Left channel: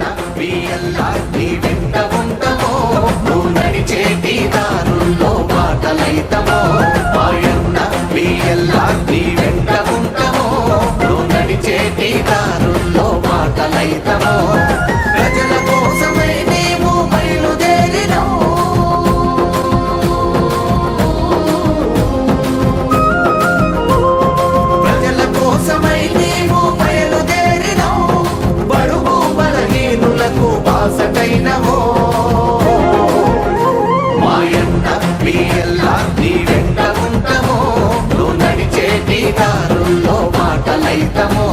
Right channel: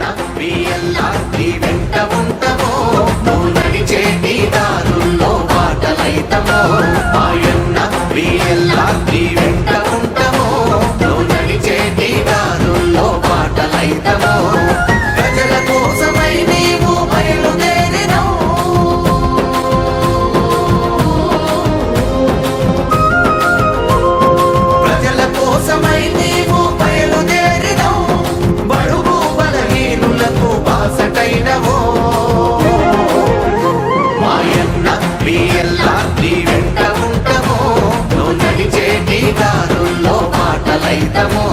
BLR నీ వెంట ఉంటామో? నువ్వు నడిచేటి దారుల్లో బాటలైతమో? మాయన్న బిఎల్ఆర్ నీ వెంట ఉంటామో? నువ్వు నడిచేటి దారుల్లో బాటలైతమో? మాటలైతమో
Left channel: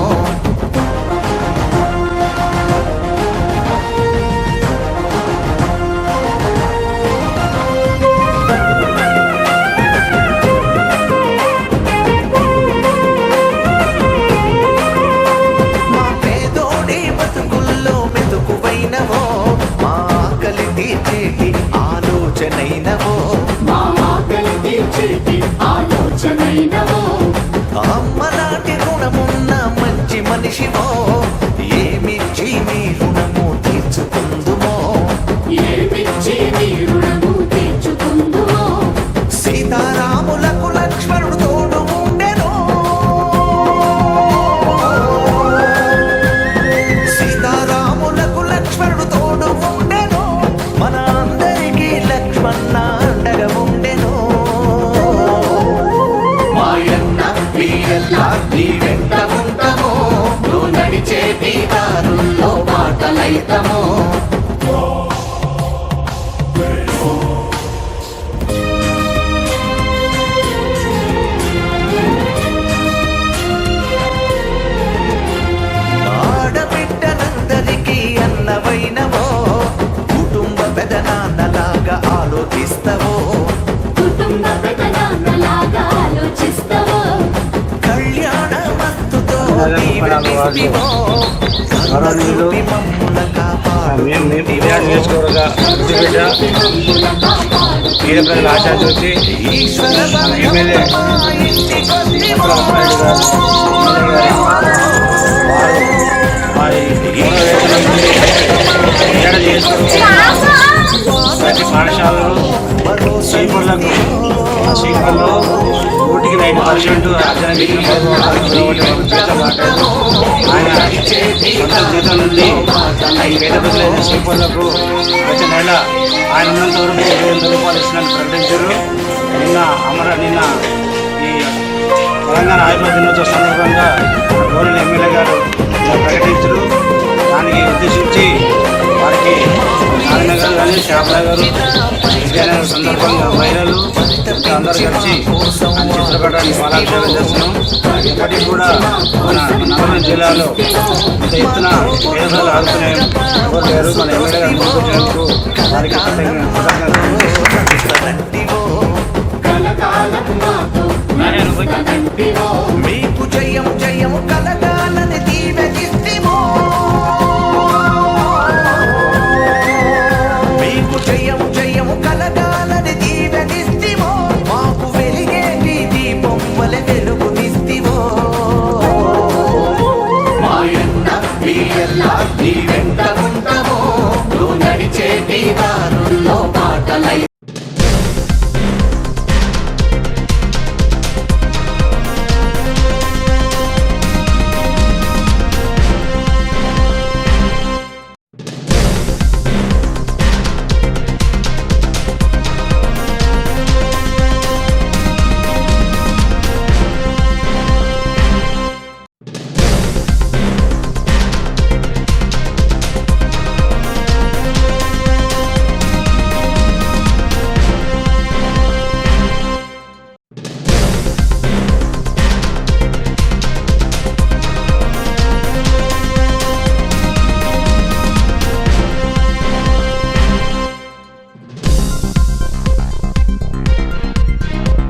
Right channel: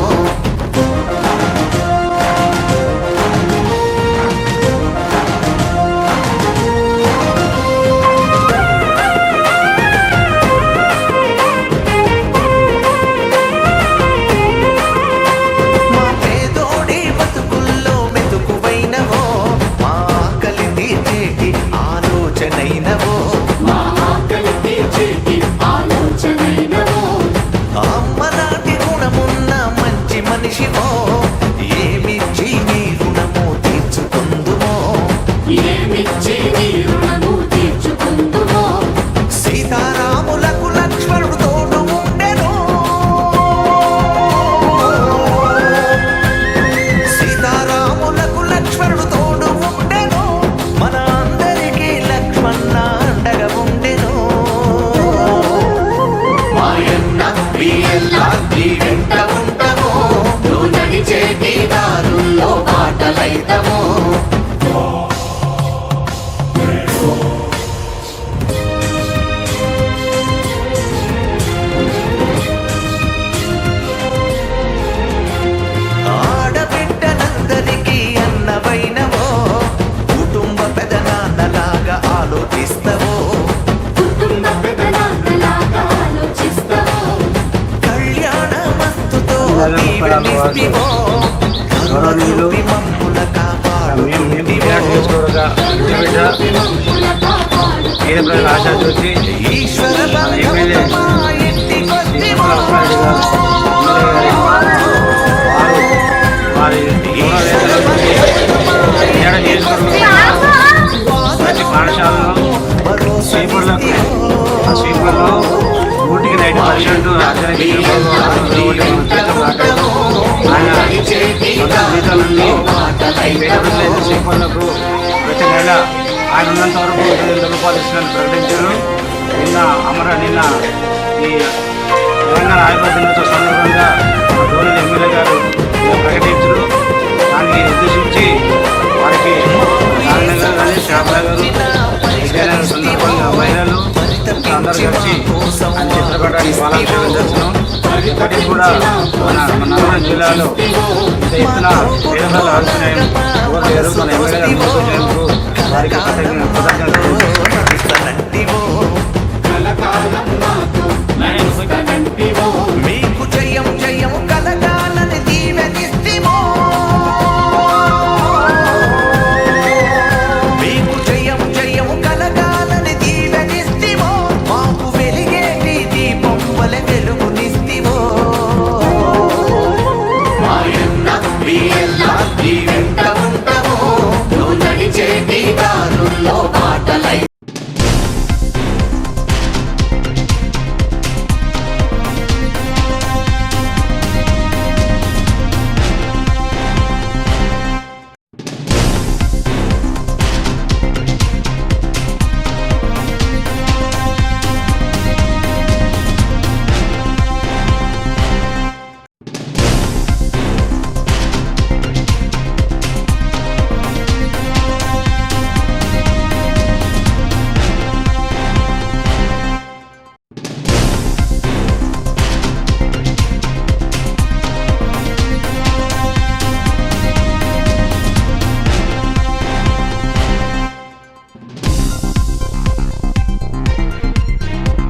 మా పేదోడి బతుకుల్లో మెతుకువైనవో మా ఆకలి తీర్చేటి ఆలోచనైనవో. మా గుణమున్న మంచి మనిషివో. దారుల్లో బాటలైతమో ఆడబిడ్డనందరికీ అన్నవైనవో కుటుంబ పెదనాన్నలాగా ఆలోచిస్తవో. కుటుంబ పెదనాన్నలాగా ఆలోచిస్తావో. కళ్యాణ మస్తుతో దీవెనిస్తివో మమ్ముల కాపాడు పేద ప్రజల ఆశా ఈశ్వర వారి ప్రతి పాఠశాలలో స్వీపర్లకు ఆ స్వీపర్లో నూటికి ఆయన జీతం నుండి పేద ప్రజలైన ప్రతి నెల ఆయన ఉన్నంత వరకు ఇరవై ఎనిమిది రూపాయలు ఇస్తున్నట్టు ప్రకటించారు. నిన్న అమర నిన్న ఈ తెలంగాణ ఆయుర్వేద దినోత్సవ సందర్భంగా అందరూ కలిసి పాలాభిషేకం చేస్తున్నాం ఇప్పటికి కూడా మన నల్గొండ జిల్లాలో ఇంత ఎత్తున పేదలు ఆడుకునే ఎవరు? లేరు మన ఎమ్మెల్యే గారు ముందుకు వారికి ప్రత్యేకంగా కృతజ్ఞతలు. బిఎల్ఆర్ నీ